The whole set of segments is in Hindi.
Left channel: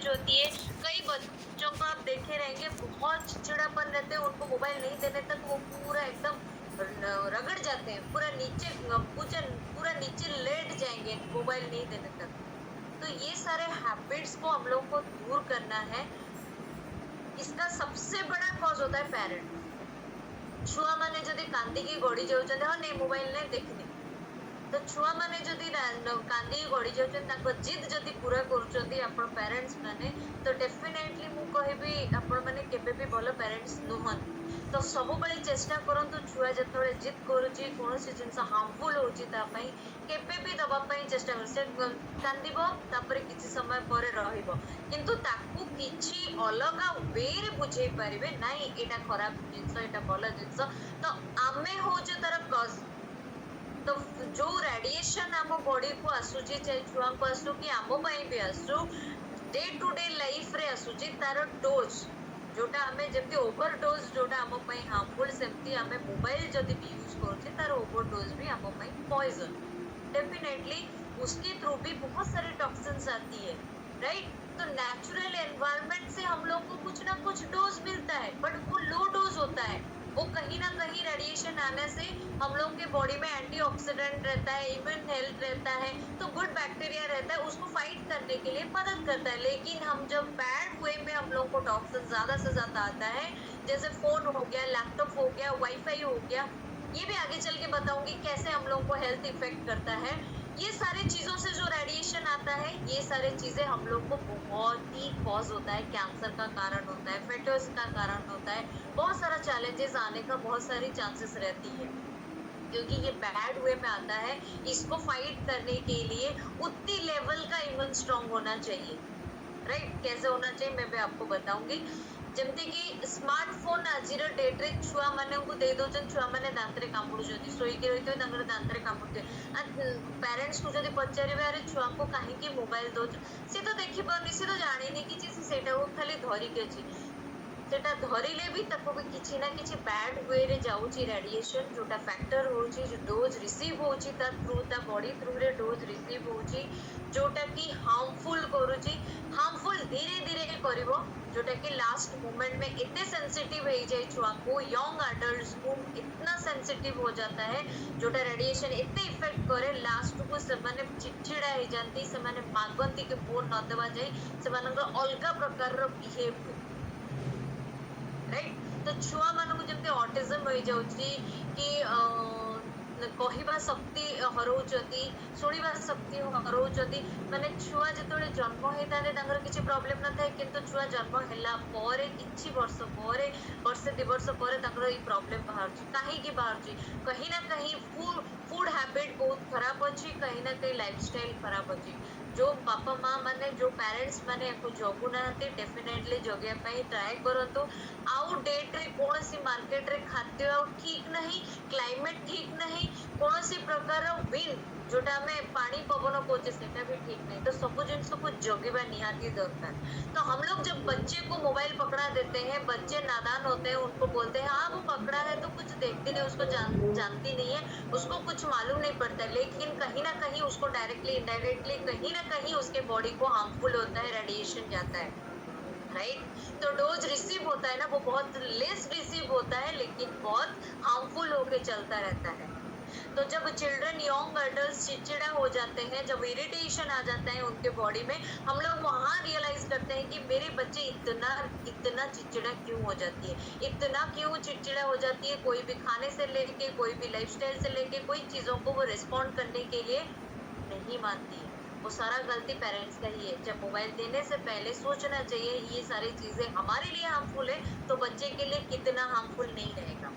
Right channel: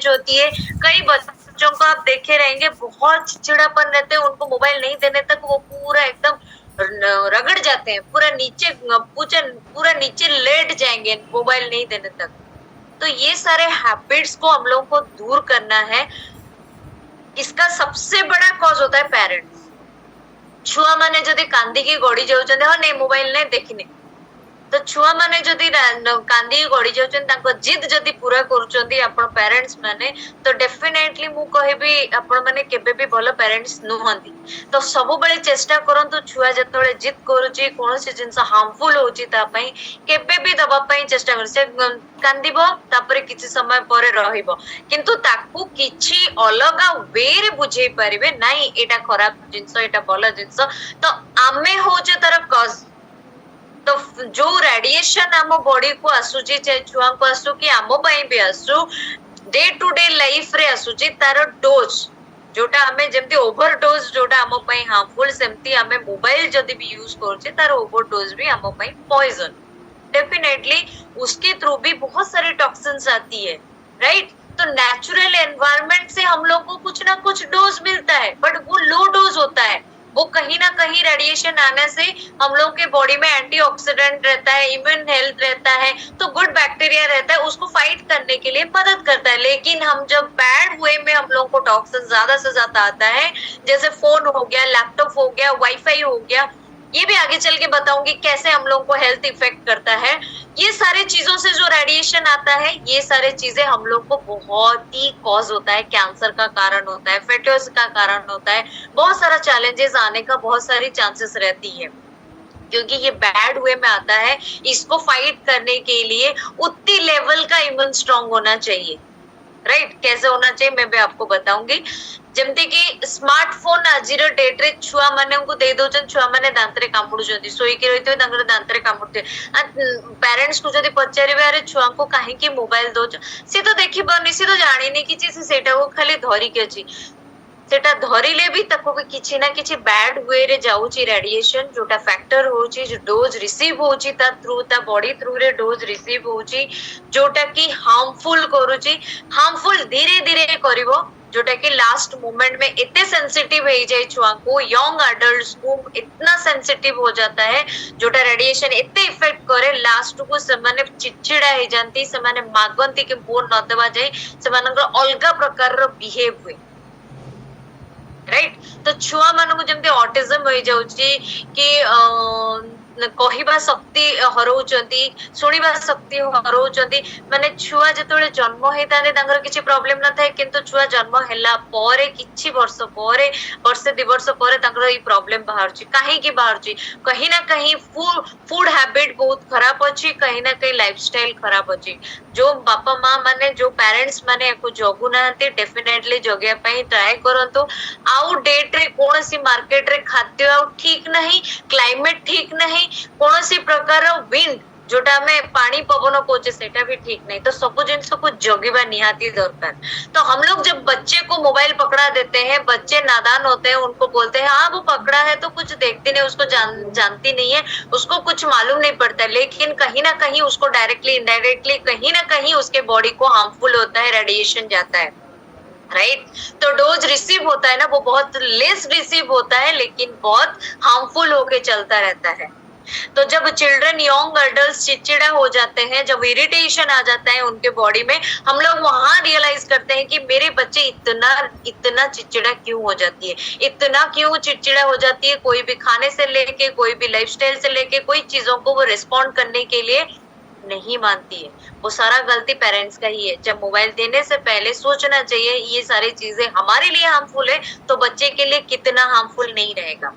जो होती है, कई बच्चों को आप देखे रहेंगे बहुत चिड़चिड़ापन रहते हैं, उनको मोबाइल नहीं देने तक वो पूरा एकदम रगड़ जाते हैं, पूरा नीचे पूरा नीचे लेट जाएंगे मोबाइल नहीं देने तक। तो ये सारे हैबिट्स को हम लोग को दूर करना है। इसका सबसे बड़ा कॉज होता है पेरेंट्स। छुआ माने जदि कांदिकी गड़ी जाउछन्ते, हाँ नहीं मोबाइल नहीं देखिने, तो छुआ माने जदि कांदी गड़ी जाउछन्ते, तांको जिद जदि पूरा करूछन्ती आपण पेरेंट्स माने, तो डेफिनेटली मु कहबी आपण माने केबे भी भलो पेरेंट्स नुहंती। तो सब बेले चेष्टा करंतु छुआ जतबेले जिद करूची, कोनोसी जिंस हार्मफुल होची ता पई केबे भी दबा पई चेष्टा कर, से कांदिबो तापरे किछि समय परे रहिबो, किंतु ताकू किछि अलगा वे रे बुझेई परिबे नाही एटा खराब जिंस एटा भलो जिंस। तो आमे होचे तार कज। तो जो रेडिएशन आम बॉडी को आसुची, चाहे छुआ को आसु कि आम पई भी आसु, डे टू डे लाइफ रे आसुची तार डोज जोटा हमें जेमती ओवरडोज जोटा आम पई हार्मफुल, सेमती हमें मोबाइल जदि भी यूज करछे तार ओवरडोज भी आम पई पॉइजन। डेफिनेटली उसके थ्रू भी बहुत सारे टॉक्सिन्स आती है, राइट। तो नेचुरल एनवायरनमेंट से हम लोग को कुछ ना कुछ डोज मिलता है, बट वो लो डोज होता है। वो कहीं ना कहीं रेडिएशन आने से हम लोग के बॉडी में एंटीऑक्सीडेंट रहता है, इम्यून हेल्थ रहता है, तो गुड बैक्टीरिया रहता है, उसको फाइट करने के लिए मदद करता है। लेकिन हम जब बैड वे में हम लोग को टॉक्सिन ज्यादा से ज्यादा आता है, जैसे फोन हो गया, लैपटॉप हो गया, वाईफाई हो गया, ये भी आगे चल के बताऊंगी कैसे हम लोग को हेल्थ इफेक्ट करता है। ये सारे चीजों से जो रेडिएशन आता है, ये सारे चीजें हम लोग को बहुत ही कॉज होता है, कैंसर का कारण होता है, फेटोस का कारण होता है, बहुत सारा चैलेंजेस आने का बहुत सारी चांसेस रहती है, क्योंकि ये बैड वे में आता है। इसको फाइट करने के लिए उतनी लेवल का इम्यून स्ट्रांग होना चाहिए, राइट। कैसे होना चाहिए मैं भी आपको बताऊंगी। जेमती कि स्मार्टफोन आजिर डेट रे छुआ माने को दे दोचन, छुआ माने दांतरे कामुडुचंती, सोई के रहितो तांकर दांतरे कामुडते। पेरेंट्स को जदी पचारिबे अरे छुआ को काहे की मोबाइल दोच, से तो देखि बनी, से तो जानि नि कि से सेटा को खाली धरि के अछि, सेटा धरिले भी ताको भी किछि ना किछि बैड वे रे जाउची रेडिएशन, जोटा फैक्टर होची, जो डोज रिसीव होची ता थ्रू, ता बॉडी थ्रू रे डोज रिसीव होची, जोटा कि हार्मफुल करूची। हार्मफुल धीरे धीरे करिवो, जोटा कि लास्ट मोमेंट में इतने सेंसिटिव हो जाए छुआ को, यंग एडल्ट्स को इतना सेंसिटिव हो जाता है, जोटा रेडिएशन इतने इफेक्ट करे, लास्ट को सेमाने चिड़चिड़ा हो जाती, सेमाने मागंती कि फोन न देवा जाए, सेमानकर अलगा प्रकार रो बिहेव हुए, राइट। तो छुआ मानक जमती ऑटिज्म हो जाउची कि कहिबा शक्ति हरौचंती, सुनिबा शक्ति हरौचंती, माने छुआ जतबेले जन्म हेताने तांकर किछि प्रॉब्लम न थाए, किंतु छुआ जन्म हैला परे किछि वर्ष परे, वर्षे 2 वर्ष परे तांकर ई प्रॉब्लम बाहरची। काहे की बाहरची? कहीं ना कहीं फूड हैबिट बहुत खराब अछि, कहीं ना कहीं लाइफस्टाइल खराब अछि। जो बापा माँ माने, जो पेरेंट्स माने को जगु नाहंती, डेफिनेटली जगिया पई ट्राई करंतु। आउ डेट रे कोनसी मार्केट रे खाद्य आउ ठीक नहीं, क्लाइमेट ठीक नहीं, कोनसी प्रकार विंड जोटा में पानी पवन कोचे सेटा भी ठीक नहीं, तो सब जिनिस को जगिबा निहाती दरकार। तो हम लोग जब बच्चे को मोबाइल पकड़ा देते हैं, बच्चे नादान होते हैं, उनको बोलते हैं हाँ वो पकड़ा है तो कुछ देखती नहीं, उसको जानती नहीं है, उसको कुछ मालूम नहीं पड़ता, लेकिन कहीं ना कहीं उसको डायरेक्टली इनडायरेक्टली कहीं ना कहीं उसके बॉडी को हार्मफुल होता है, रेडिएशन जाता है, राइट। तो डोज रिसीव होता है ना, वो बहुत लेस रिसीव होता है, लेकिन बहुत हार्मफुल होके चलता रहता है। तो जब चिल्ड्रन, यंग एडल्ट चिड़चिड़ा हो जाते हैं, जब इरिटेशन आ जाता है उनके बॉडी में, हम लोग वहां रियलाइज करते हैं कि मेरे बच्चे इतना चिड़चिड़ा क्यों हो जाती है, इतना क्यों चिड़चिड़ा हो जाती है, कोई भी खाने से लेके, कोई भी लाइफस्टाइल से लेके, कोई चीजों को वो रिस्पॉन्ड करने के लिए नहीं मानती है। वो सारा गलती पेरेंट्स का ही है। जब मोबाइल देने से पहले सोचना चाहिए ये सारी चीजें हमारे लिए हार्मफुल है, तो बच्चे के लिए कितना हार्मफुल नहीं रहेगा,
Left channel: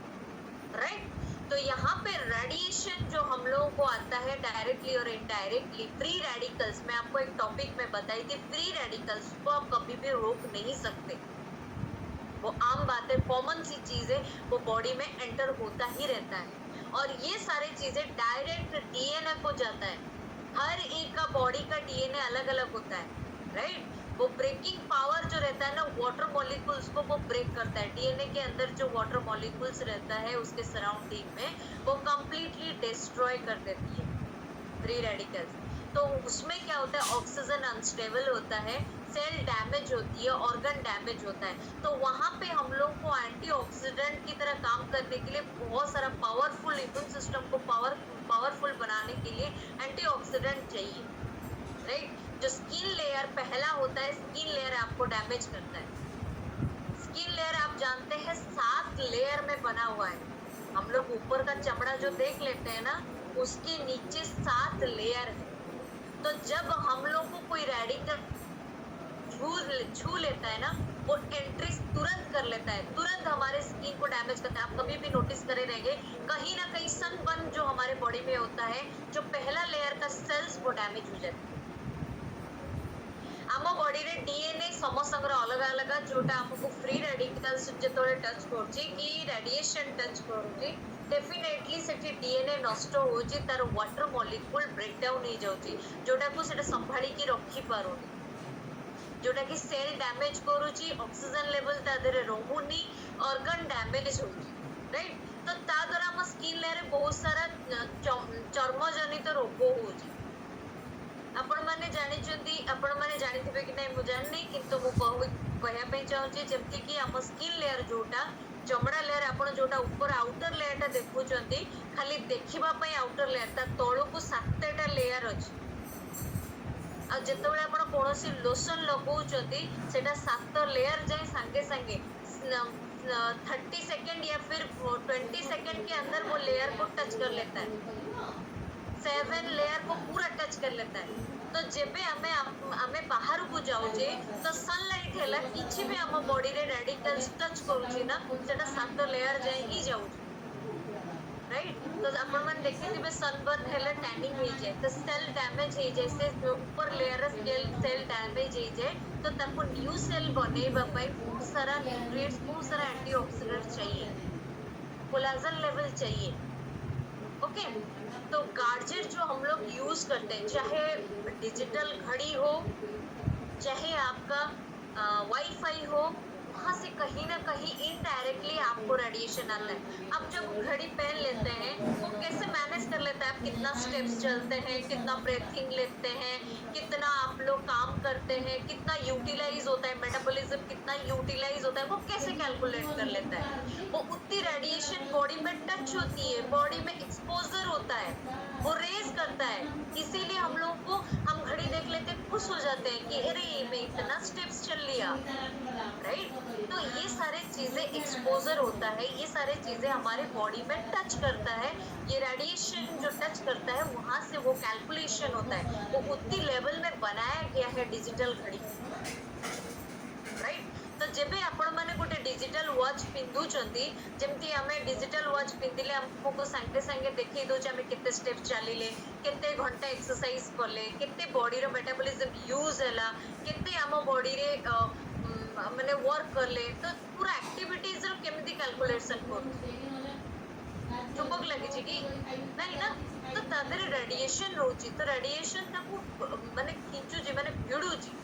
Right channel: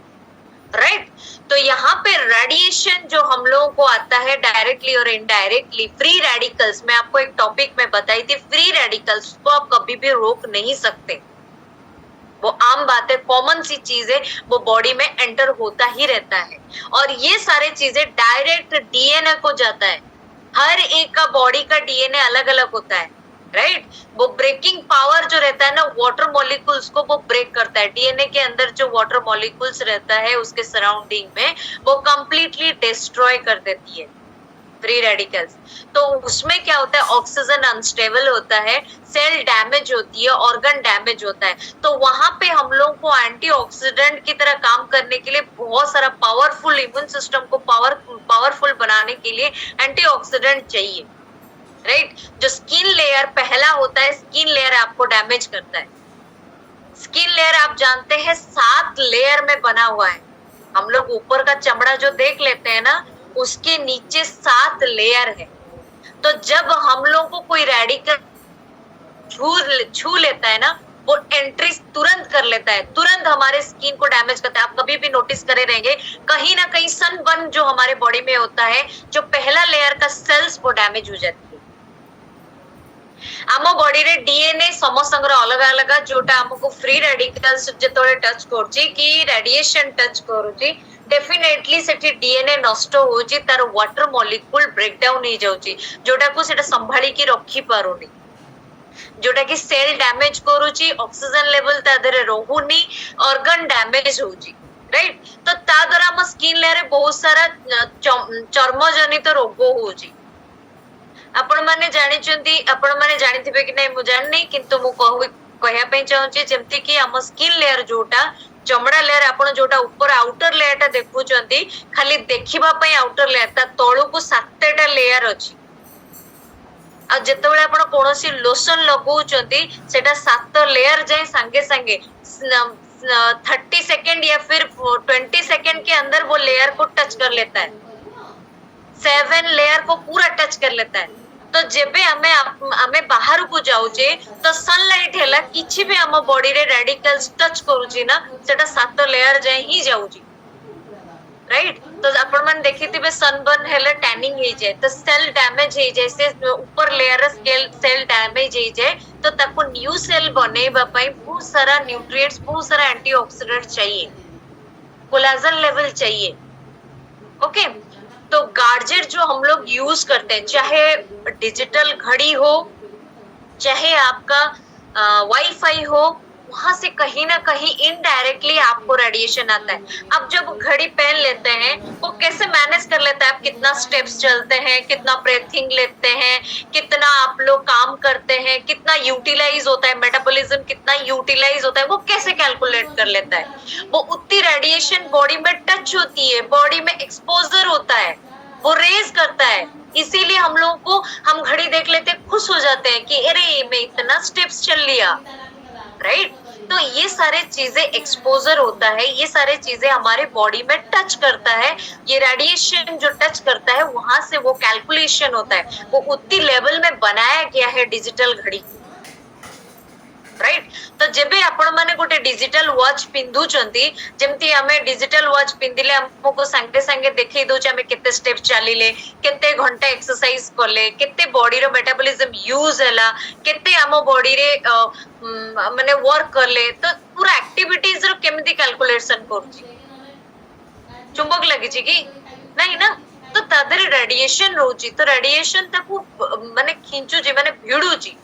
राइट। तो यहाँ पे रेडिएशन जो हम लोगों को आता है डायरेक्टली और इनडायरेक्टली, फ्री रेडिकल्स, मैं आपको एक टॉपिक में बताई थी, फ्री रेडिकल्स को आप कभी भी रोक नहीं सकते, वो आम बात है, कॉमन सी चीज है, वो बॉडी में एंटर होता ही रहता है। और ये सारे चीजें डायरेक्ट डीएनए को जाता है, हर एक का बॉडी का डीएनए अलग अलग होता है, राइट। वो ब्रेकिंग पावर जो रहता है ना, वाटर मॉलिक्यूल्स को वो ब्रेक करता है, डीएनए के अंदर जो वाटर मॉलिक्यूल्स रहता है उसके सराउंडिंग में, वो कंप्लीटली डिस्ट्रॉय कर देती है, फ्री रेडिकल्स। तो उसमें क्या होता है, ऑक्सीजन अनस्टेबल होता है, सेल डैमेज होती है, ऑर्गन डैमेज होता है। तो वहां पे हम लोग को एंटीऑक्सीडेंट की तरह काम करने के लिए बहुत सारा पावरफुल, इम्यून सिस्टम को पावरफुल बनाने के लिए एंटीऑक्सीडेंट चाहिए, राइट। जो स्किन लेयर पहला होता है, स्किन लेयर आपको डैमेज करता है। स्किन लेयर आप जानते हैं 7 लेयर में बना हुआ है। हम लोग ऊपर का चमड़ा जो देख लेते हैं ना, उसके नीचे 7 लेयर है। तो जब हम लोग को कोई रेडिकल छू लेता है ना, वो एंट्री तुरंत कर लेता है, तुरंत हमारे स्किन को डैमेज करता है। आप कभी भी नोटिस करे रहेंगे, कहीं ना कहीं सनबर्न जो हमारे बॉडी में होता है, जो पहला लेयर का सेल्स वो डैमेज हो जाती है। आम बॉडी रे डीएनए समस्तंकर अलग अलग, जोटा हमको फ्री रेडिकल्स जेतोले टच करछि कि रेडिएशन टच करूछि, डेफिनेटली सेठी डीएनए नष्ट होउछि, तार वाटर मॉलिक्यूल ब्रेक डाउन हो जाउछि, जोटा को सेटा संभाली की रखी पारुनी, जोटा कि सेल डैमेज करूछि, ऑक्सीजन लेवल ता देरे रहुनी, ऑर्गन डैमेज होउछि, राइट। तो ता द्वारा हम स्किन लेयर बहुत सारा चर्म जनित रोग होउछि। आपण माने जानिचंती, आपण माने जानिथिबे कि नै मु जाननी, किंतु मु कहया पे चाहूची जेमति कि हम स्किन लेयर जोटा चमड़ा लेयर, आपण जोटा ऊपर आउटर लेयर ता देखुचंती, खाली देखिबा पई आउटर लेयर, ता तळु को 7टा लेयर अछि। आ जेतेबेले आपण कोनोसी लोशन लगाउचंती, सेटा 7 लेयर जाय संगे संगे 30 सेकंड या फिर 20 सेकंड के अंदर वो लेयर को टच कर लेता है, 7 लेयर को पूरा टच कर लेता है। तो जेबे हमें बाहर को जाउचे, तो सनलाइट हैला किछि भी हम बॉडी रे रेडिकल्स टच करूची ना, सेटा 7 लेयर जाय ही जाउची, राइट। तो आपण मन देखिथिबे सनबर्न हैला टैनिंग हे जाय, तो सेल डैमेज हे जाय, से ऊपर लेयर सेल डैमेज हे जाय, तो ताको न्यू सेल बनेबा पई बहुत सारा न्यूट्रिएंट्स, बहुत सारा एंटीऑक्सीडेंट चाहिए, कोलेजन लेवल चाहिए, ओके। तो गार्जेट जो हम लोग यूज करते हैं, चाहे डिजिटल घड़ी हो, चाहे आपका वाईफाई हो, वहां से कहीं ना कहीं इनडायरेक्टली आपको रेडिएशन आता है। अब जब घड़ी पहन लेते हैं, वो कैसे मैनेज कर लेता है, आप कितना स्टेप्स चलते हैं, कितना ब्रीथिंग लेते हैं, कितना आप लोग काम करते हैं, कितना यूटिलाइज होता है, मेटाबॉलिज्म कितना यूटिलाइज होता है, वो कैसे कैलकुलेट कर लेता है। वो उतनी रेडिएशन बॉडी में टच होती है, बॉडी में एक्सपोजर होता है, वो रेज करता है। इसीलिए हम लोगों को, हम घड़ी देख लेते खुश हो जाते हैं कि अरे मैं इतना स्टेप्स चल लिया, राइट। तो ये सारे चीजें एक्सपोजर होता है, ये सारे चीजें हमारे बॉडी में टच करता है, ये रेडिएशन जो टच करता है, वहां से वो कैलकुलेशन होता है, वो उतनी लेवल में बनाया गया है डिजिटल घड़ी, राइट। तो जेबे आपण माने गोटे डिजिटल वॉच पिंधुचंती, जेमती हमें डिजिटल वॉच पिंधिले हमको संगे संगे देखै दोचे हमें केते स्टेप चलिले, केते घंटा एक्सरसाइज करले, केते बॉडी रो मेटाबॉलिज्म यूज हैला, केते हम बॉडी रे माने वर्क करले, तो पूरा एक्टिविटीज रो केमिति कैलकुलेशन करछि। चुंबक लगी छी कि नहीं ना, तो तादरे रेडिएशन रोची, तो रेडिएशन ताकू माने खिंचुची, माने भिडुची।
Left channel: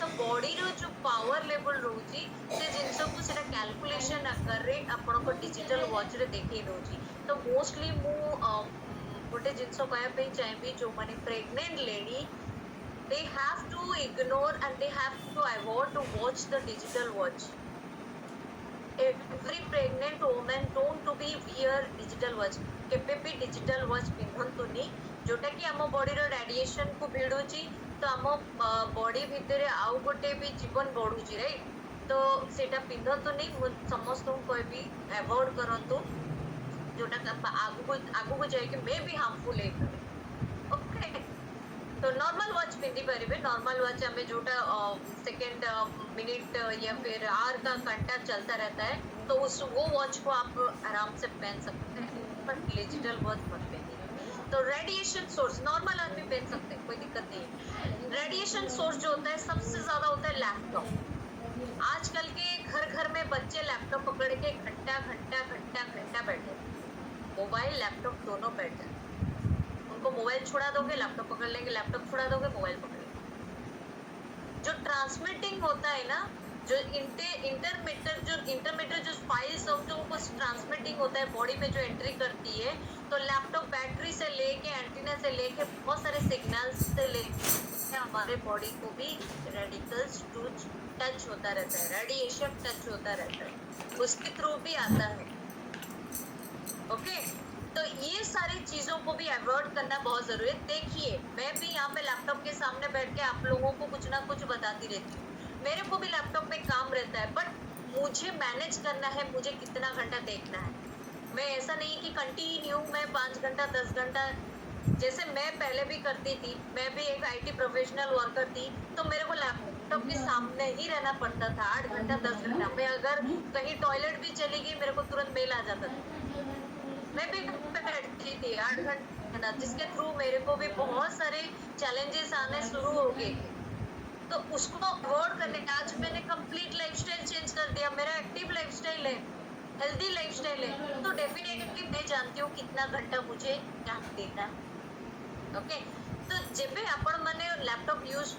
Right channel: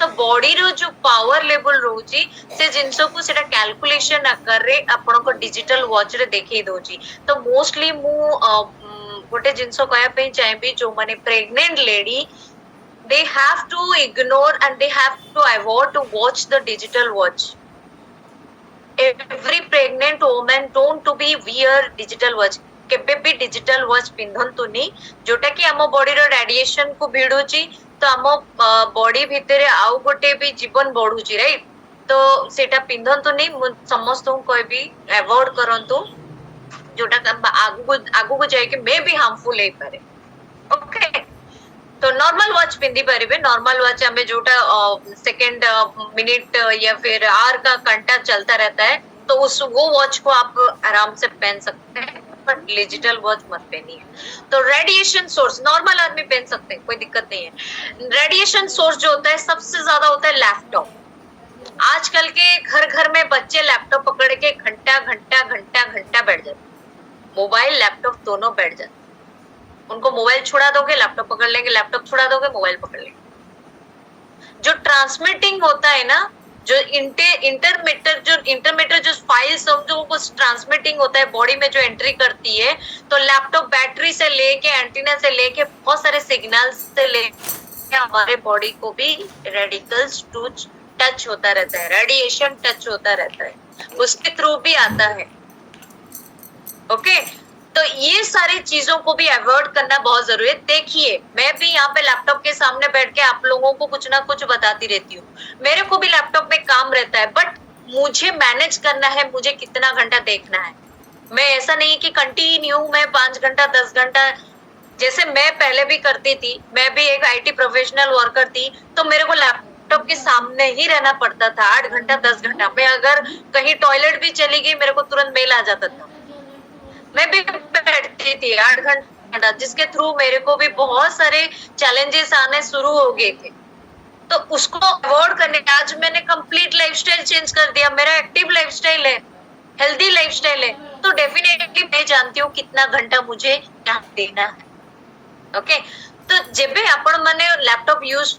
तो बॉडी रो जो पावर लेवल रोची, से जिंसो को सेटा कैलकुलेशन आकर रे आपण को डिजिटल वॉच रे देखै दोची। तो मोस्टली मु गोटे जिंसो कहया पे चाहेबी, जो माने pregnant lady, they have to ignore and they have to avoid to watch the digital watch. Every pregnant woman don't to be wear digital watch, केबे भी डिजिटल वॉच पिंधंतुनी, जोटा कि आम बॉडी रो रेडिएशन को भिडुची, तो आम बॉडी भितरे आउ गोटे भी जीवन बढ़ुची, राइट। तो सेटा पिंधंतुनी, समस्त कहबी अवॉइड करंतु, जोटा आगु को जाय कि मे भी हार्मफुल हे पारे, ओके। तो नॉर्मल वॉच पिंधी पारिबे, नॉर्मल वॉच हमें जोटा सेकंड, मिनट या फिर आवर का घंटा चलता रहता है, तो उस वो वॉच को आप आराम से पहन सकते हैं, पर डिजिटल वॉच मत पहनिए। तो रेडिएशन सोर्स नॉर्मल आदमी पहन सकते हैं, कोई दिक्कत नहीं है। रेडिएशन सोर्स जो होता है सबसे ज्यादा होता है लैपटॉप। आजकल के घर घर में बच्चे लैपटॉप पकड़ के घंटा घंटा घंटा घंटा बैठ जाते, मोबाइल लैपटॉप दोनों बैठ जाते। उनको मोबाइल छुड़ा दोगे, लैपटॉप पकड़ लेंगे, लैपटॉप छुड़ा दोगे, मोबाइल पकड़ लेंगे। जो ट्रांसमिटिंग होता है ना, जो इंटरमीटर जो फाइल्स जो कुछ ट्रांसमिटिंग होता है बॉडी में जो एंट्री करती है, तो लैपटॉप बैटरी से लेके एंटीना से लेके बहुत सारे सिग्नल से लेके हमारे बॉडी को भी रेडिकल्स टच होता रहता है, रेडिएशन टच होता रहता है, उसके थ्रू भी आता है। ओके, तो ये सारी चीजों को भी अवॉइड करना बहुत जरूरी है। देखिए, मैं भी यहाँ पे लैपटॉप के सामने बैठ के आप लोगों को कुछ ना कुछ बताती रहती हूँ, मेरे को भी लैपटॉप में काम रहता है, बट मुझे मैनेज करना है, मुझे कितना घंटा देखना है। मैं ऐसा नहीं कि कंटिन्यू मैं 5 घंटा 10 घंटा, जैसे मैं पहले भी करती थी, मैं भी एक IT प्रोफेशनल वर्कर थी, तो मेरे को लैपटॉप के सामने ही रहना पड़ता था 8 घंटा 10 घंटा। मैं अगर कहीं टॉयलेट भी चली गई, मेरे को तुरंत मेल आ जाता था, मैं भी बैठती थी 8 घंटा, जिसके थ्रू मेरे को भी बहुत सारे चैलेंजेस आने शुरू हो गए थे। तो उसको अवॉइड करने, आज मैंने कंप्लीट लाइफस्टाइल चेंज कर दिया, मेरा एक्टिव लाइफस्टाइल है, हेल्दी लाइफस्टाइल है, तो डेफिनेटली मैं जानती हूँ कितना घंटा मुझे क्या देना है। ओके, तो जेबे आपण माने लैपटॉप यूज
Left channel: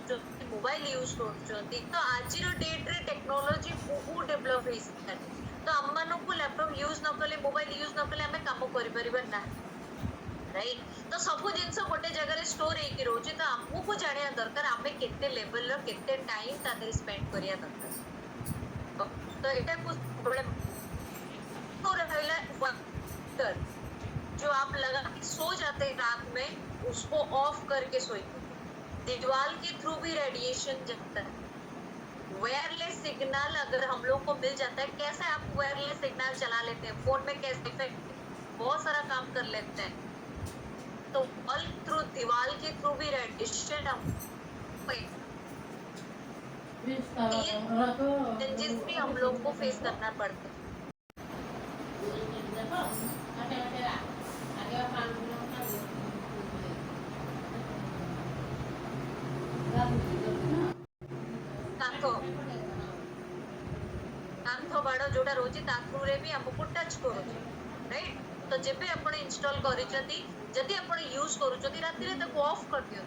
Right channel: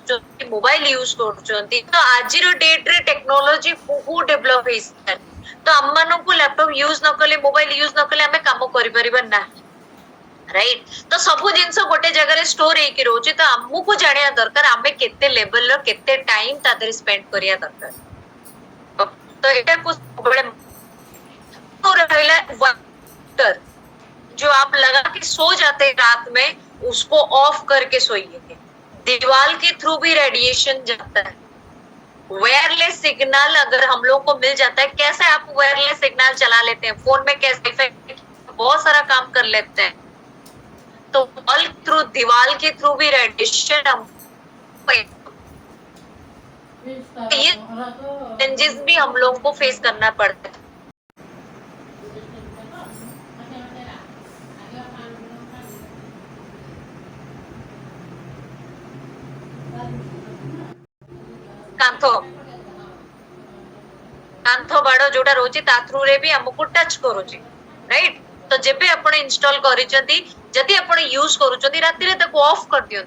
मोबाइल यूज करूचंती, तो आजिर डेट रे टेक्नोलॉजी बहुत डेवलप होई है, तो हम मानो को लैपटॉप यूज न कले, मोबाइल यूज न कले, हमें काम करि परिबा ना, राइट। तो सब जिनस गोटे जगह रे स्टोर हेकि रोचे, तो हमको जानिया दरकार हमें केते लेवल रो केते टाइम तादर स्पेंड करिया दरकार। तो एटा कुछ बड़े तो रहला वाटर जो आप लगा के सो जाते हैं रात में, उसको ऑफ करके सोइए। दीवार के थ्रू भी रेडिएशन जाता है, वायरलेस सिग्नल अगर हम लोग को मिल जाता है, कैसे आप वायरलेस सिग्नल चला लेते हैं फोन में, कैसे इफेक्ट बहुत सारा काम कर लेते हैं, तो वॉल थ्रू दीवार के थ्रू भी रेडिएशन ये चेंजेस भी हम लोग को फेस करना पड़ता है। कांथो कांथो बाड़ो जोटा रोची ता थ्रू रे भी हमको टच करूची, राइट। तो जेबे आपण इंस्टॉल करिसथि, जदि आपण यूज करूचथि, राति रे ताको ऑफ कर दियो।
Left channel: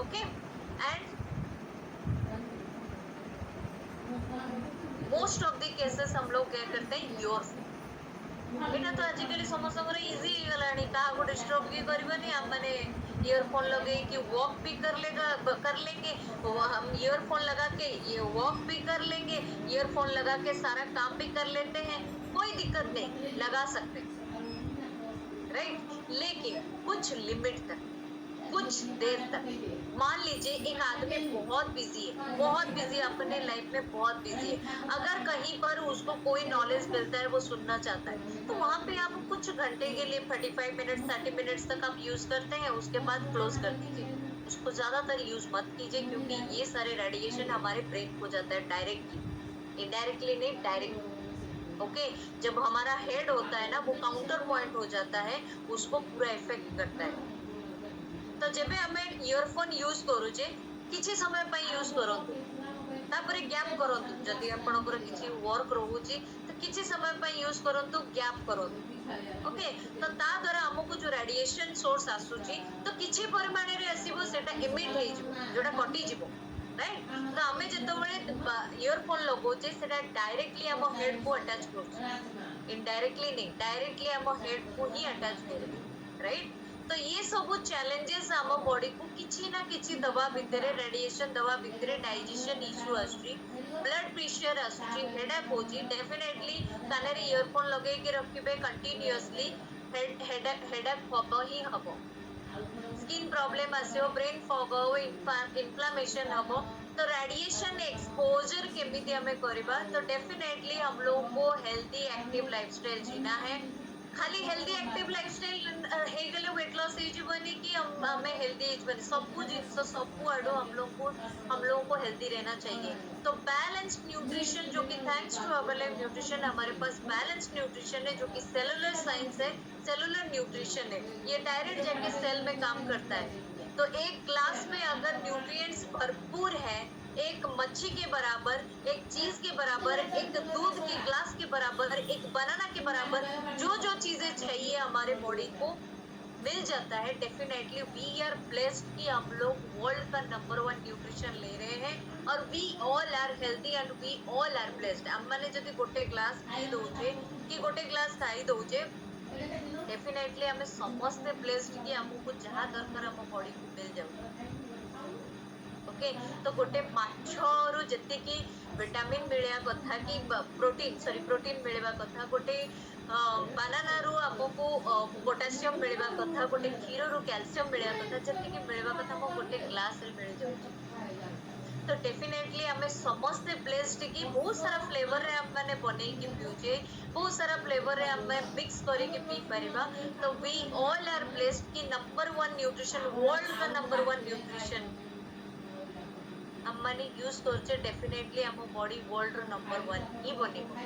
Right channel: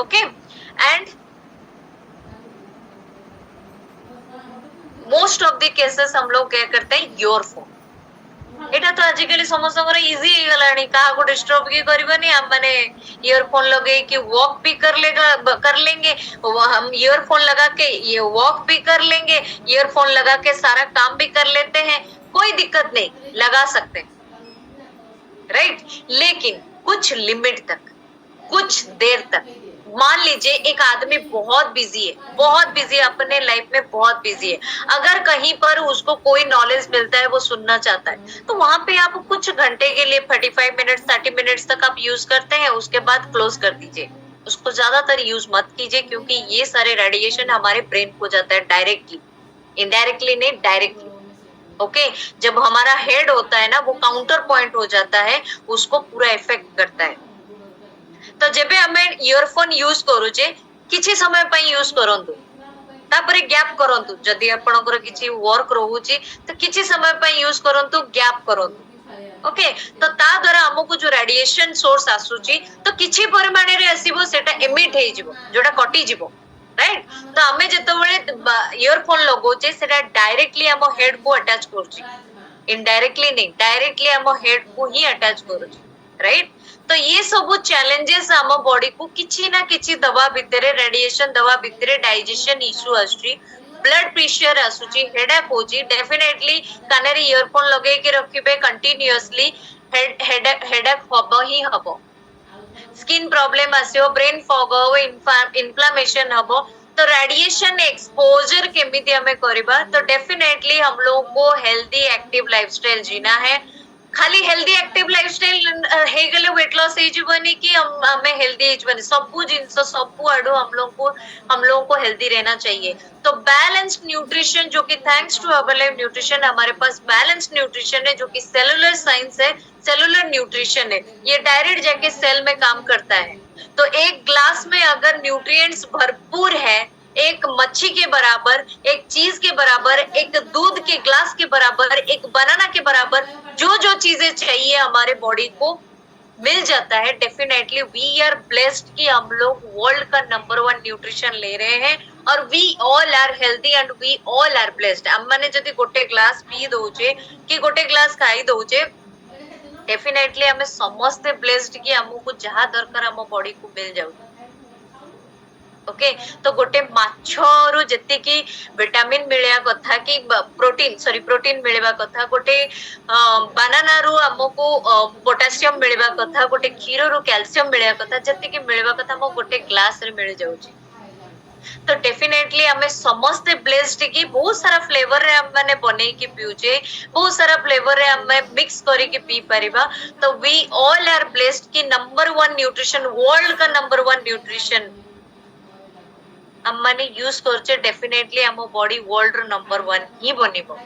Okay, and most of the cases हम लोग क्या करते हैं, ईयरफोन, एटा तो आजिकली समस्त इजी हो गलानी, कहा को डिस्टर्ब की करबनी, हम माने ईयरफोन लगे कि वॉक भी कर लेंगे, हम ईयरफोन लगा के ये वॉक भी कर लेंगे, ईयरफोन लगा के सारा काम भी कर लेते हैं, कोई दिक्कत नहीं, लगा सकते हैं, राइट। लेकिन कुछ लिमिट तक, कुछ देर तक। मान लीजिए एक आदमी बहुत बिजी है, बहुत बिजी है, अपने लाइफ में बहुत बिजी है, अगर कहीं पर उसको कोई नॉलेज मिलता है, वो सुनना चाहता है, तो वहां पे आप कुछ घंटे के लिए 45 मिनट 30 मिनट्स तक आप यूज करते हैं, उसके बाद क्लोज कर दीजिए, उसको ज्यादातर यूज मत कीजिए, क्योंकि ये सारे रेडिएशन हमारे ब्रेन को जाता है डायरेक्टली, इनडायरेक्टली नहीं, डायरेक्टली। ओके, जब हमारा हेड होता है ना, वो काउंटर पॉइंट हो जाता है, उसको पूरा इफेक्ट करता है। तो जेबे हमें ईयरफोन यूज करूचे, किछि समय पई यूज करंतु, तापरे गैप करंतु, जदि आपनकर किछि वर्क रहूची, तो किछि समय पई यूज करंतु, गैप करंतु। ओके, तो ता द्वारा हमको जो रेडिएशन सोर्स आसुची, तो किछि परिमाण रे आसीबो, सेटा एमिट हे जिवो, जोटा कटि जिवो, राइट। तो हमें जेतबेले ईयरफोन लगोचे, सेटा डायरेक्टली हम हेड को अटैच करूची, इनडायरेक्टली नहीं, डायरेक्टली हम हेड को ही अटैच करूची, राइट। तो ये सब चैलेंजेस हम बॉडी को किछि ना किछि दवा भितरे, रेडिएशन दवा भितरे डाइजेशन इश्यू आसुची, ब्लड प्रेशर आसुची, हेडेक होची, डेफिनेटली कानेरे ईयरफोन लगे के रखिबे कंटीन्यूअसली, हेडेक हबो ही हबो, स्किन प्रॉब्लम आसियो, ब्रेन फॉग हो, इन्फ्लेमेशन हबो। तो रेडिएशन एक्सपोजर केमिति हमें करिबा, तो डेफिनेटली हम लोग को हेल्दी एक्टिव लाइफस्टाइल जीना है। खाली हेल्दी एक्टिव लाइफस्टाइल हे गले वेट लॉस हे जीवनी कि हमें हेल्दी हे जीवनी, सबु जिंस सबु आडो हम लोगों को हेल्दी रहना चाहिए। तो बैलेंस्ड न्यूट्रिशन, जो कि थैंक्स टू हर्बलाइफ न्यूट्रिशन हमारे पास बैलेंस्ड न्यूट्रिशन है, जो कि सेलुलर साइंस है, सेलुलर न्यूट्रिशन है, ये डायरेक्ट जाके सेल में काम करता है। तो एक ग्लास में अगर न्यूट्रिएंट्स भरपूर है, एक मच्छी के बराबर, एक चीज के बराबर, एक दूध के ग्लास के बराबर, एक बनाना के बराबर, जो जो चीजें चाहिए हमारे बॉडी को मिल जाता है, डेफिनेटली वी आर ब्लेस्ड कि हम लोग वर्ल्ड का नंबर 1 न्यूट्रिशन ले रहे हैं, और we all are healthy and we all are blessed. हम माने जदि गोटे ग्लास पी दउचे कि गोटे ग्लास खाई दउचे, डेफिनेटली हमें समस्ते ब्लेस्ड कि हमको जहाँ दरकार हम बॉडी को मिल जाऊ। ओके, तो गोटे माछरु जेतिकी विटामिन मिलिया कथा कि प्रोटीन मिलवा कथा, गोटे बानाना रु हमको पोटेशियम मिलवा कथा, गोटे क्षीर रु कैल्शियम मिलिया कथा, जेतिकी मिलवा कथा हम गोटे ग्लास रे मिल जाउची। तो डेफिनेटली हमें समस्ते ब्लेस्ड कि बहुत सारा फ्लेवर रे हम माने बनै कि पिउचे, बहुत सारा फ्लेवर रे हम मिक्स करी कि पी परिबा। तो वी ऑल आर ब्लेस्ड कि नंबर 1 न्यूट्रिशन, वर्ल्ड का नंबर 1 न्यूट्रिशन हम माने यूज करचे, डेफिनेटली हम बॉडी वर्ल्ड नंबर 1 ही बनिबो।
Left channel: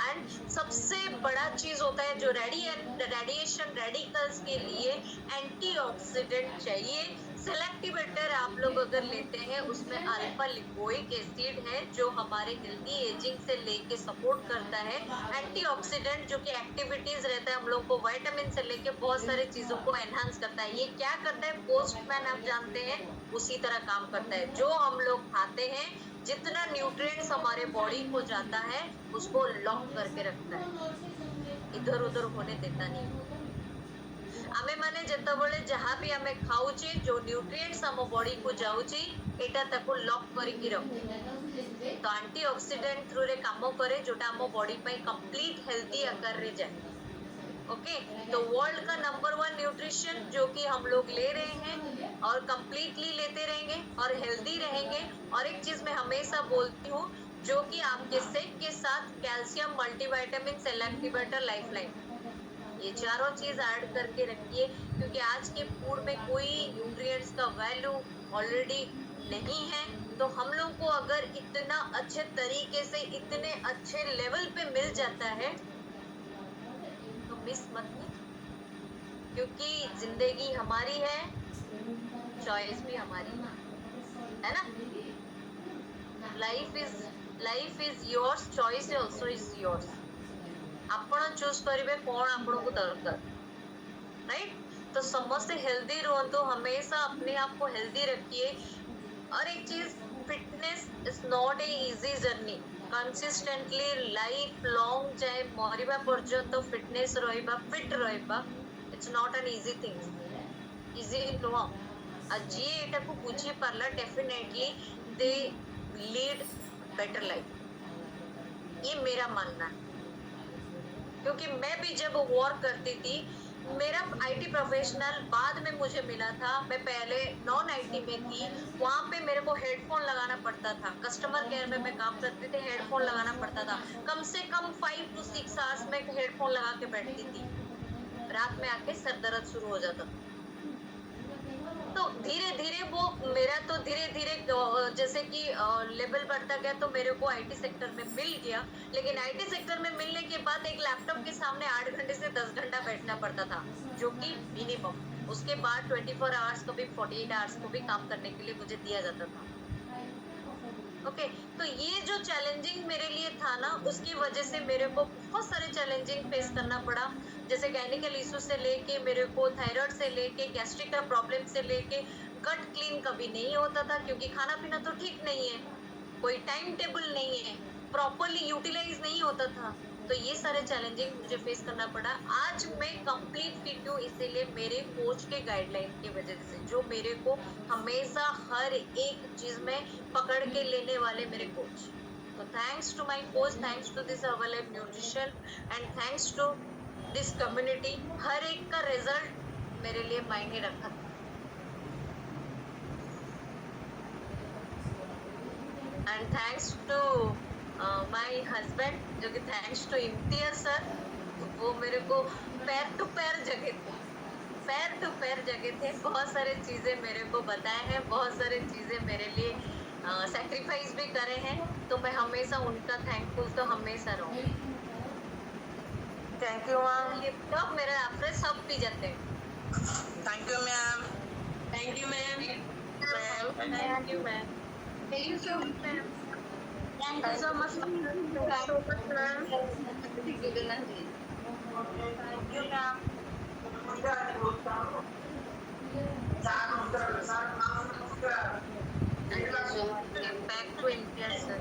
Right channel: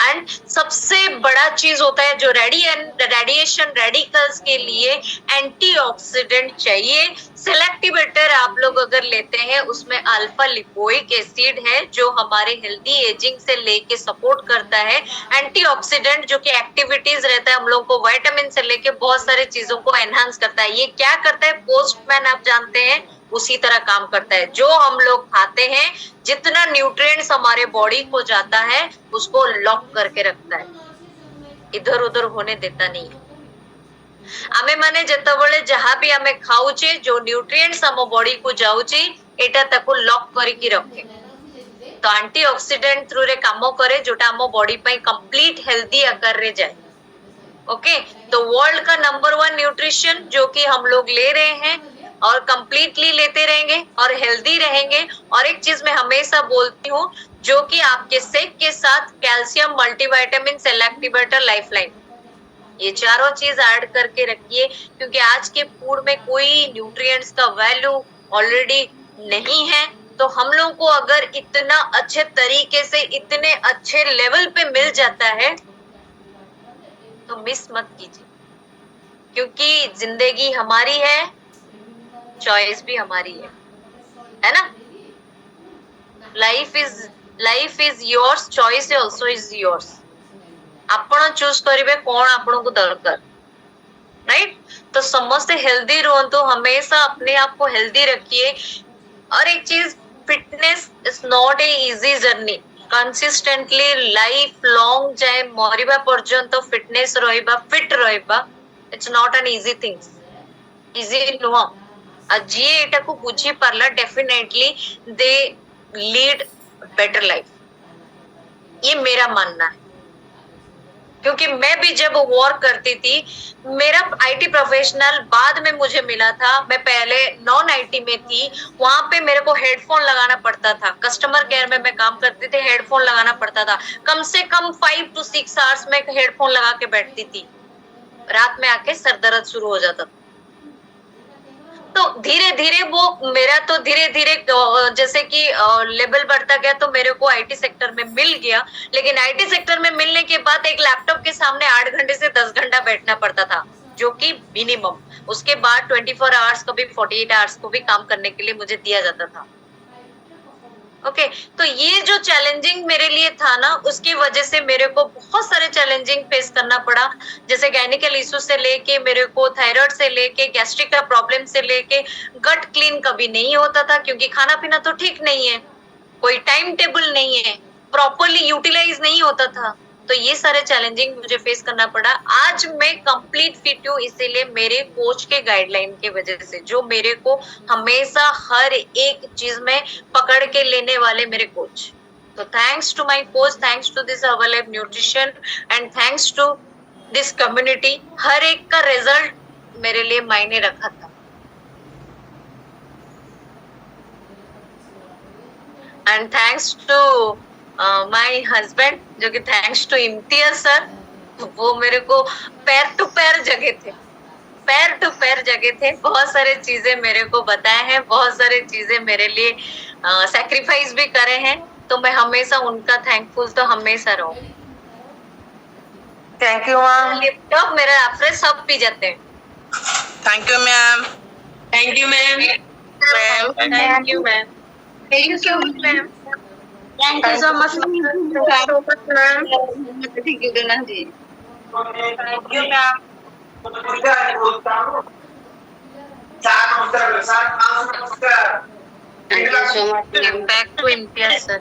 एंड सबसे बड़ा चीज होता है जो रेडिएशन रेडिकल्स के लिए एंटीऑक्सीडेंट चाहिए। सेलेक्टिवेटर आप लोग अगर लेते हैं उसमें अल्फा लिपोइक एसिड है जो हमारे हेल्दी एजिंग से लेके सपोर्ट करता है। एंटीऑक्सीडेंट जो कि एक्टिविटीज रहता है हम लोग को, विटामिन से लेके बहुत सारी चीजों को एनहांस करता है। ये क्या करता है, पोस्टमैन आप जानते हैं उसी तरह काम करता है। जो हम लोग खाते हैं, जितना न्यूट्रिएंट्स हमारे बॉडी को जाता है उसको लॉक करके रखता है, इधर उधर होने देता नहीं है। आमे माने जेतबेले जहाँ भी आमे खाऊचे जो न्यूट्रिएंट्स हम बॉडी को जाऊची एटा ताको लॉक करके रखे। तो एंटीऑक्सीडेंट थ्रू रे काम करे जोटा हम बॉडी पे कंप्लीट हेल्दी आकार रे जाए। ओके, तो वर्ल्ड का नंबर 1 न्यूट्रिशन जो कि हम लोग ले रहे हैं और कंप्लीटली लेते रहेंगे और हेल्दी रहेंगे। और एक चीज मैं हमेशा बोलती हूँ जो कि आपके सेक के साथ कैल्शियम, मल्टीविटामिन, सेलेक्टिवेटर, लाइफलाइन, ये चारों चीज ऐड करके रखिए, क्योंकि आज के फूड में कोई न्यूट्रिएंट्स का वैल्यू ऑलरेडी नहीं है। तो हम लोग को अगर इतना अच्छे तरीके से इतने अच्छे लेवल पे मिल जाता है तो मिस मत कीजिए, क्योंकि जिंदगी हमारी है, चॉइस भी हमारी है ना। Life is yours, choice also is yours. आपण चूज करिवे कौन आपण को दरकार, राइट। तो समस्त हेल्दी रहंतु, हमेशा अपने आप को हेल्दी रखिए। और एक चीज, fitness is not a easy journey. Consistently life long जाए मरिबा पर्यंत फिटनेस रहिबा, फिट रहिबा, it's not an easy thing, easy नुह। जी एटा को बुझी पारला, definitely they lead better life, ये मेरा मानना है। क्योंकि मैं भी जब वर्क करती थी, मेरा आईटी प्रोफेशनल बाद में मुझे मिला था, मैं पहले नॉन आईटी में थी, वहां पे मेरे को हेडफोन लगाना पड़ता था। कस्टमर केयर में मैं काम करती थी, हेडफोन लगाना पड़ता था। कम से कम 5 to 6 आवर्स में हेडफोन लगा के बैठती थी, रात में आके सर दर्द शुरू हो जाता था। तो धीरे धीरे वो मेरा तो धीरे धीरे जैसे कि लेवल बढ़ता गया तो मेरे को आईटी सेक्टर में मिल गया। लेकिन आईटी सेक्टर में मिलने के बाद एक लैपटॉप के सामने 8 घंटे से 10 घंटा बैठना पड़ता था, जो कि मिनिमम। उसके बाद 24 आवर्स को भी 48 आवर्स को भी काम करने के लिए मुझे दिया जाता था। ओके, तो ये जो चैलेंजिंग मेरे लिए था ना, उसकी वजह से मेरे को बहुत सारे चैलेंजिंग फेस करना पड़ा। जैसे गायनिकल इशू से लेके मेरे को थायराइड से लेके गैस्ट्रिक का प्रॉब्लम से लेके गट क्लीन कभी नहीं होता था, क्योंकि खाना पीना तो ठीक नहीं है, कोई टाइम टेबल नहीं है, प्रॉपरली यूटिलाइज नहीं होता था। तो ये सारे चैलेंजिंग मुझे फेस करना पड़ा। आज मैं कंप्लीट फिट हूँ, इसीलिए मेरे कोच के गाइडलाइन के वजह से, जो मेरे को हमेशा हर एक चीज में पकड़ के लेने वाले मेरे कोच। तो thanks to my coach, thanks to this Herbalife nutrition and thanks to this community. हर एक का रिजल्ट मेरे लिए मायने रखा था। And thanks to my husband, जो कि थैंक्स टू इम्तियाज सर, वो मेरे को पैर टू पैर जगह थे, पैर टू पैर जगह थे। बहुत सारे चीजें मेरे को बताए हैं, बहुत सारे चीजें मेरे लिए सैक्रिफाइस भी करे हैं। तो मैं हमेशा उनका थैंकफुल तो हमेशा रहूं। Thank you ma'am. लैपटॉप मेरा आफ्टर सब पी जाते हैं। Thank you ma'am. Thank you ma'am. Thank you ma'am. Thank you ma'am. Thank you so much, ma'am. Thank you ma'am. Thank you, Gana ji. Thank you, ma'am. Thank you so much, ma'am. Back to Imtiaz sir.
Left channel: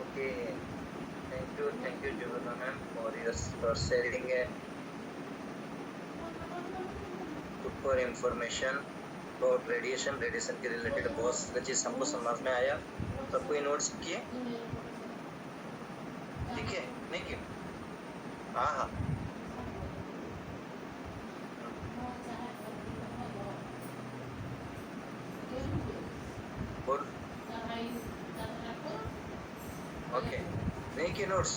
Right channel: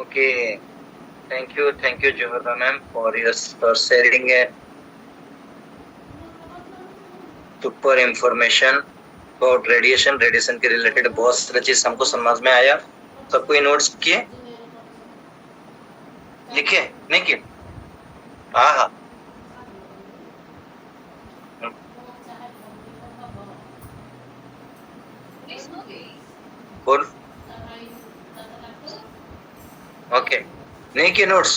Okay. Thank you, Johara ma'am, for sharing a super information about radiation के रिलेटेड बहुत सारी चीज हमको समझ में आया। सबको ये नोट्स किए, लिखे नहीं किए? हाँ, बोल। ओके, नहीं किए नोट्स?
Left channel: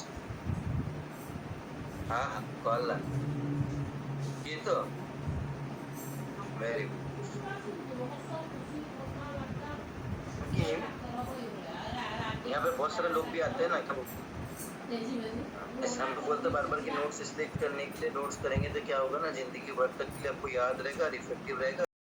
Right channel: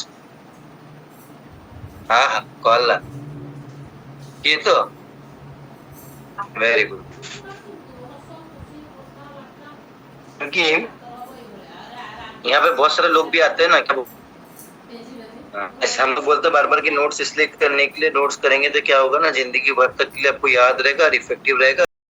हाँ, कॉल ला किए तो वेरी गुड। क्योंकि यहाँ पे बहुत सारे लोग भी आते हैं ना कि ऐसे हम लोग बोलते बार बार कि नोट्स इसलिए करने के लिए, नोट्स करेंगे तो क्या होगा ना, जिंदगी भर तक के लिए आपको याद रहेगा और इफेक्टिव रहेगा।